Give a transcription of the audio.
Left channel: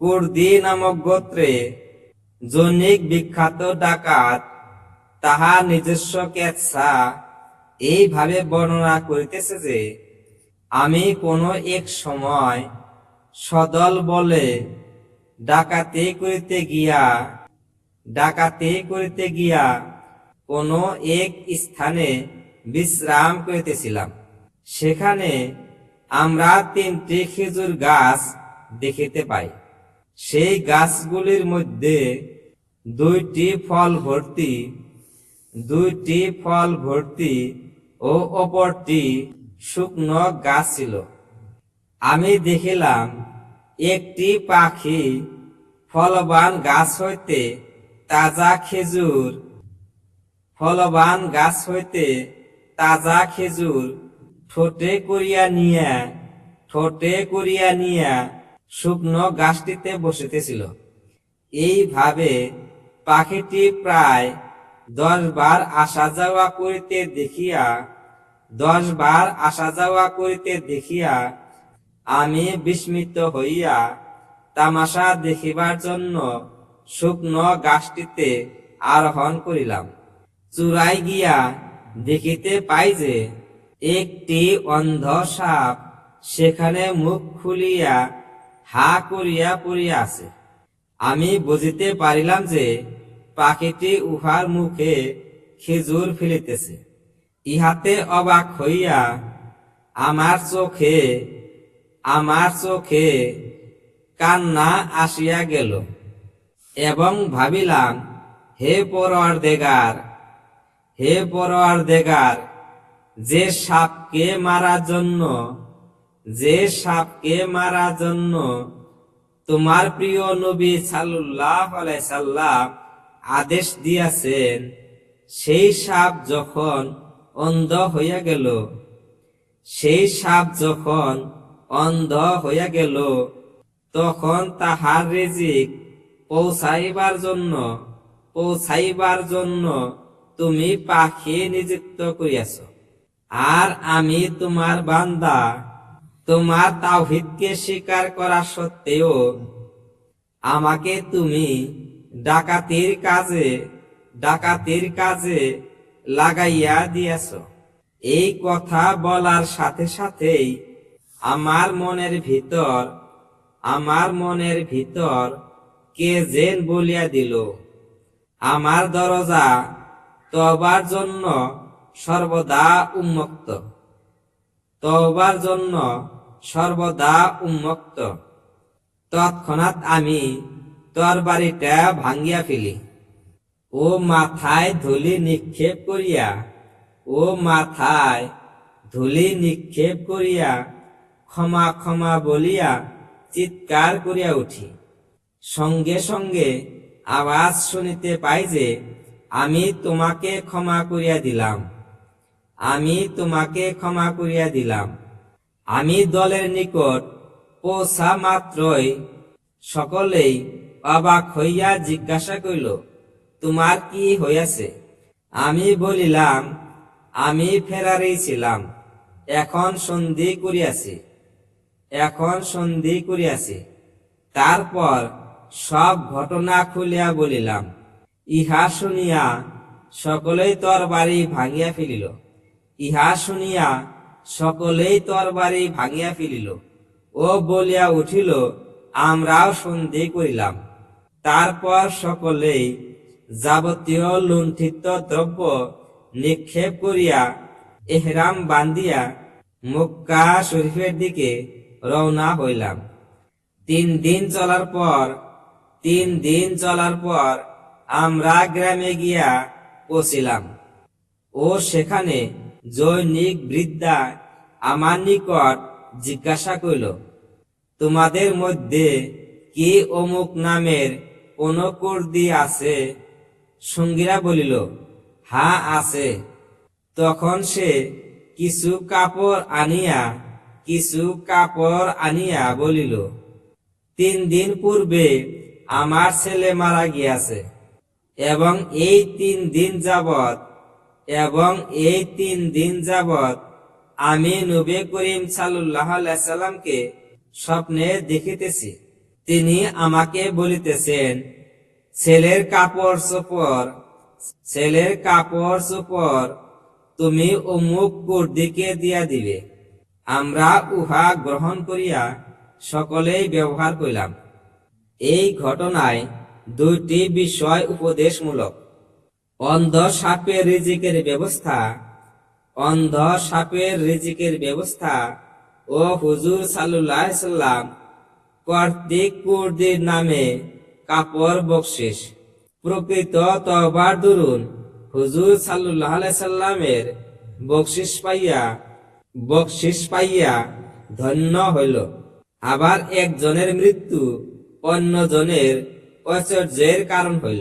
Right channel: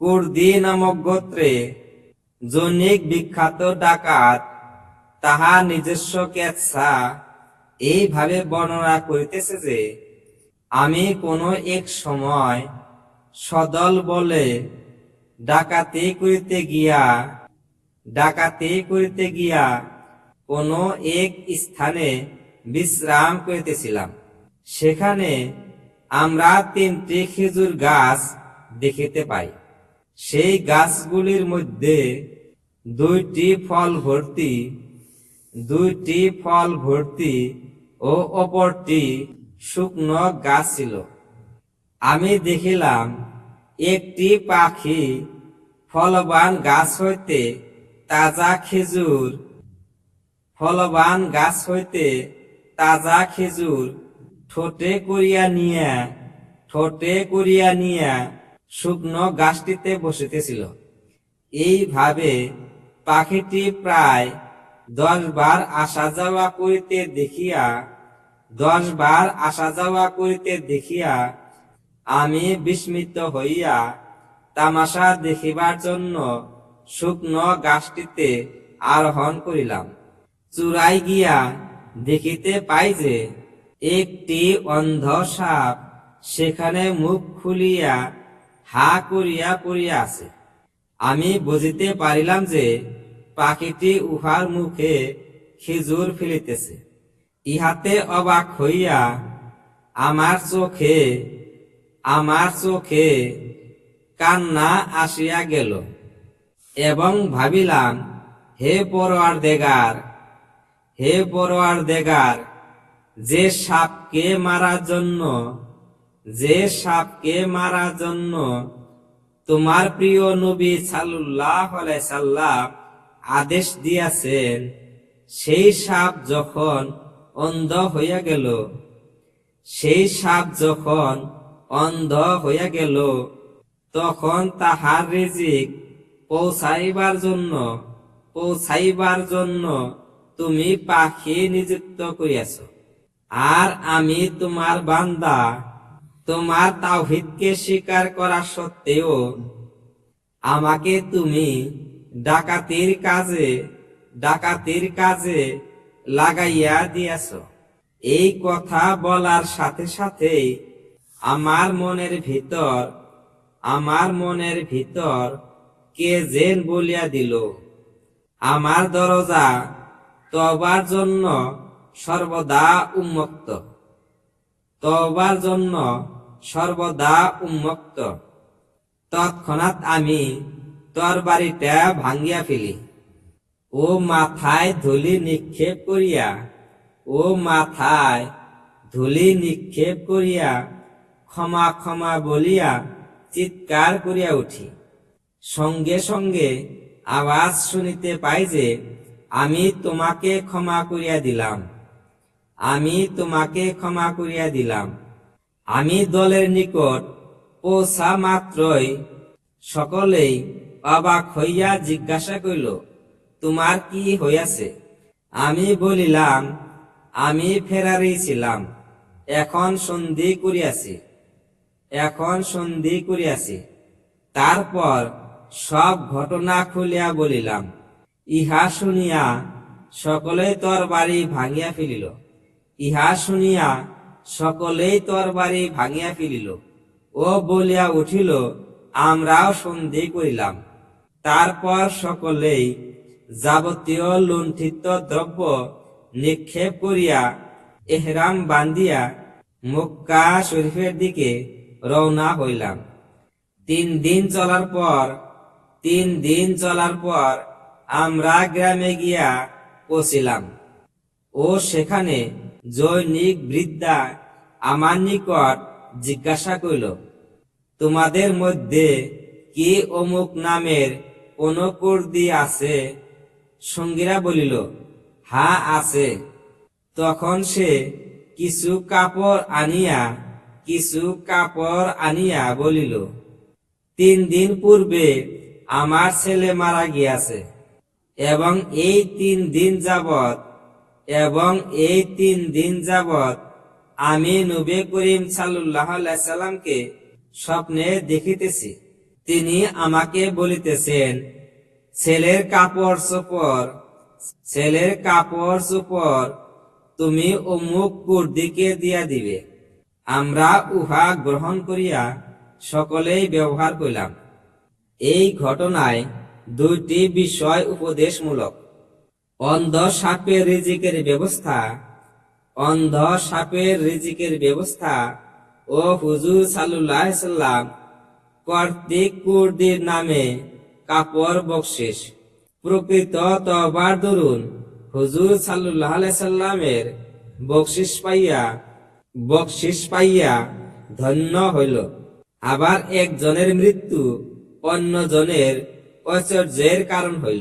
কুর্দি নামক গোত্রে জনৈক বিখ্যাত ডাকাত তাহার নিজস্ব কেচ্ছা এইভাবে বর্ণনা করিতেছে যে, আমি কোনো এক সময় সদল বলে ডাকাতি করিতে গিয়া কোনো এক স্থানে বিশ্রাম করিতেছিলাম। সেখানে আমরা 3টি খেজুর গাছ দেখিতে পাই। সেই গাছগুলির মধ্যে 2টি ফল ভর্তি ও অপরটি শুকনো গাছ ছিল। আমি দেখিলাম একটি পাখি ফলবান গাছ হইতে তাজা খেজুর ঠোঁটে করিয়া নিয়া শুকনো গাছটিতে বসিতেছিল। এইভাবে পাখিটি প্রায় 10 বার আসা যাওয়া করিতে দেখিয়া আমি বিস্মিত হইয়া তামাশা দেখিবার জন্য শুকনো গাছটিতে আরোহণ করিলাম। চূড়ায় গিয়া দেখিতে পাই যে একটি অন্ধ সাপ সেখানে মুখ খুলিয়া হা করিয়া পড়িয়া আছে। আমি বুঝিতে পারিলাম যে পাখিটি উহার মুখে খেজুর ফেলিতেছে। ইহাতে অবাক হইয়া আমার চোখে কান্না আসিয়া গেল এবং ভাবিলাম, হে পরওয়ারদেগার, যে সাপকে মারার জন্য তোমার প্রিয় নবী সাল্লাল্লাহু আলাইহি সাল্লাম আদেশ দিয়াছেন, সেই সাপ যখন অন্ধ হইয়া গেল তখন তাহার রিজিক পৌঁছাইবার জন্য তুমি পাখি নিযুক্ত করিয়াছ। আর আমি তোমার বান্দা, তোমার তাওহীদকে স্বীকার করা সত্ত্বেও আমাকে তুমি ডাকাতির কাজে লাগাইয়া দিয়াছ। এই কথা বলার সাথে সাথেই আমার মনের ভিতর কে যেন বলিয়া দিল, আমার দরজা তওবার জন্য সর্বদা উন্মুক্ত। তৎক্ষণাৎ আমি তরবারিটা ভাঙ্গিয়া ফেলি ও মাথায় ধুলি নিক্ষেপ করিয়া ক্ষমা ক্ষমা বলিয়া চিৎকার করিয়া উঠি। সঙ্গে সঙ্গে আওয়াজ শুনিতে পাই যে, আমি তোমাকে ক্ষমা করিয়া দিলাম। আমি দলের নিকট পৌঁছা মাত্রই সকলেই অবাক হইয়া জিজ্ঞাসা করিল, তোমার কি হইয়াছে? আমি বলিলাম, আমি ফেরারি ছিলাম, এখন সন্ধি করিয়াছি। তারপর সব ঘটনা খুলিয়া বলিলাম। ইহা শুনিয়া সকলেই তরবারি ভাঙিয়া ফেলিল ও বলিয়া উঠিল, আমরাও সন্ধি করিলাম। তারপর সকলেই যাবতীয় লুণ্ঠিত দ্রব্য নিক্ষেপ করিয়া ইহরাম বান্ধিয়া মক্কা শরীফের দিকে রওনা হইলাম। 3 দিন চলার পর আমরা গ্রামে গিয়া পৌঁছিলাম ও সেখানে জনৈক বৃদ্ধা আমার নিকট জিজ্ঞাসা করিল, তোমাদের মধ্যে কি অমুক নামের কোন কুর্দি আছে? সঙ্গীরা বলিল, হ্যাঁ আছে। তখন সে কিছু কাপড় আনিয়া বলিল, 3 দিন পূর্বে আমার ছেলে মারা গিয়াছে এবং এই 3 দিন যাবৎ আমি নবী করিম সাল্লাল্লাহু আলাইহি সাল্লামকে স্বপ্নে দেখিতেছি। তিনি আমাকে বলিতেছেন, ছেলের কাপড় চোপড় তুমি অমুক কুর্দিকে দিয়া দিবে। আমরা উহা গ্রহণ করিয়া সকলেই ব্যবহার করিলাম। এই ঘটনায় দুইটি বিষয় উপদেশমূলক। অন্ধ সাপের রিজিকের ব্যবস্থা ও হুজুর সাল্লাল্লাহু আলাইহি সাল্লাম কর্তৃক কুর্দির নামে কাপড় বকশিশ। প্রকৃত তওবার দরুন হুজুর সাল্লাল্লাহু আলাইহি সাল্লামের বকশিশ পাইয়া ধন্য হইল। আবার একজনের মৃত্যু অন্যজনের ঐশ্বর্যের কারণ হইল।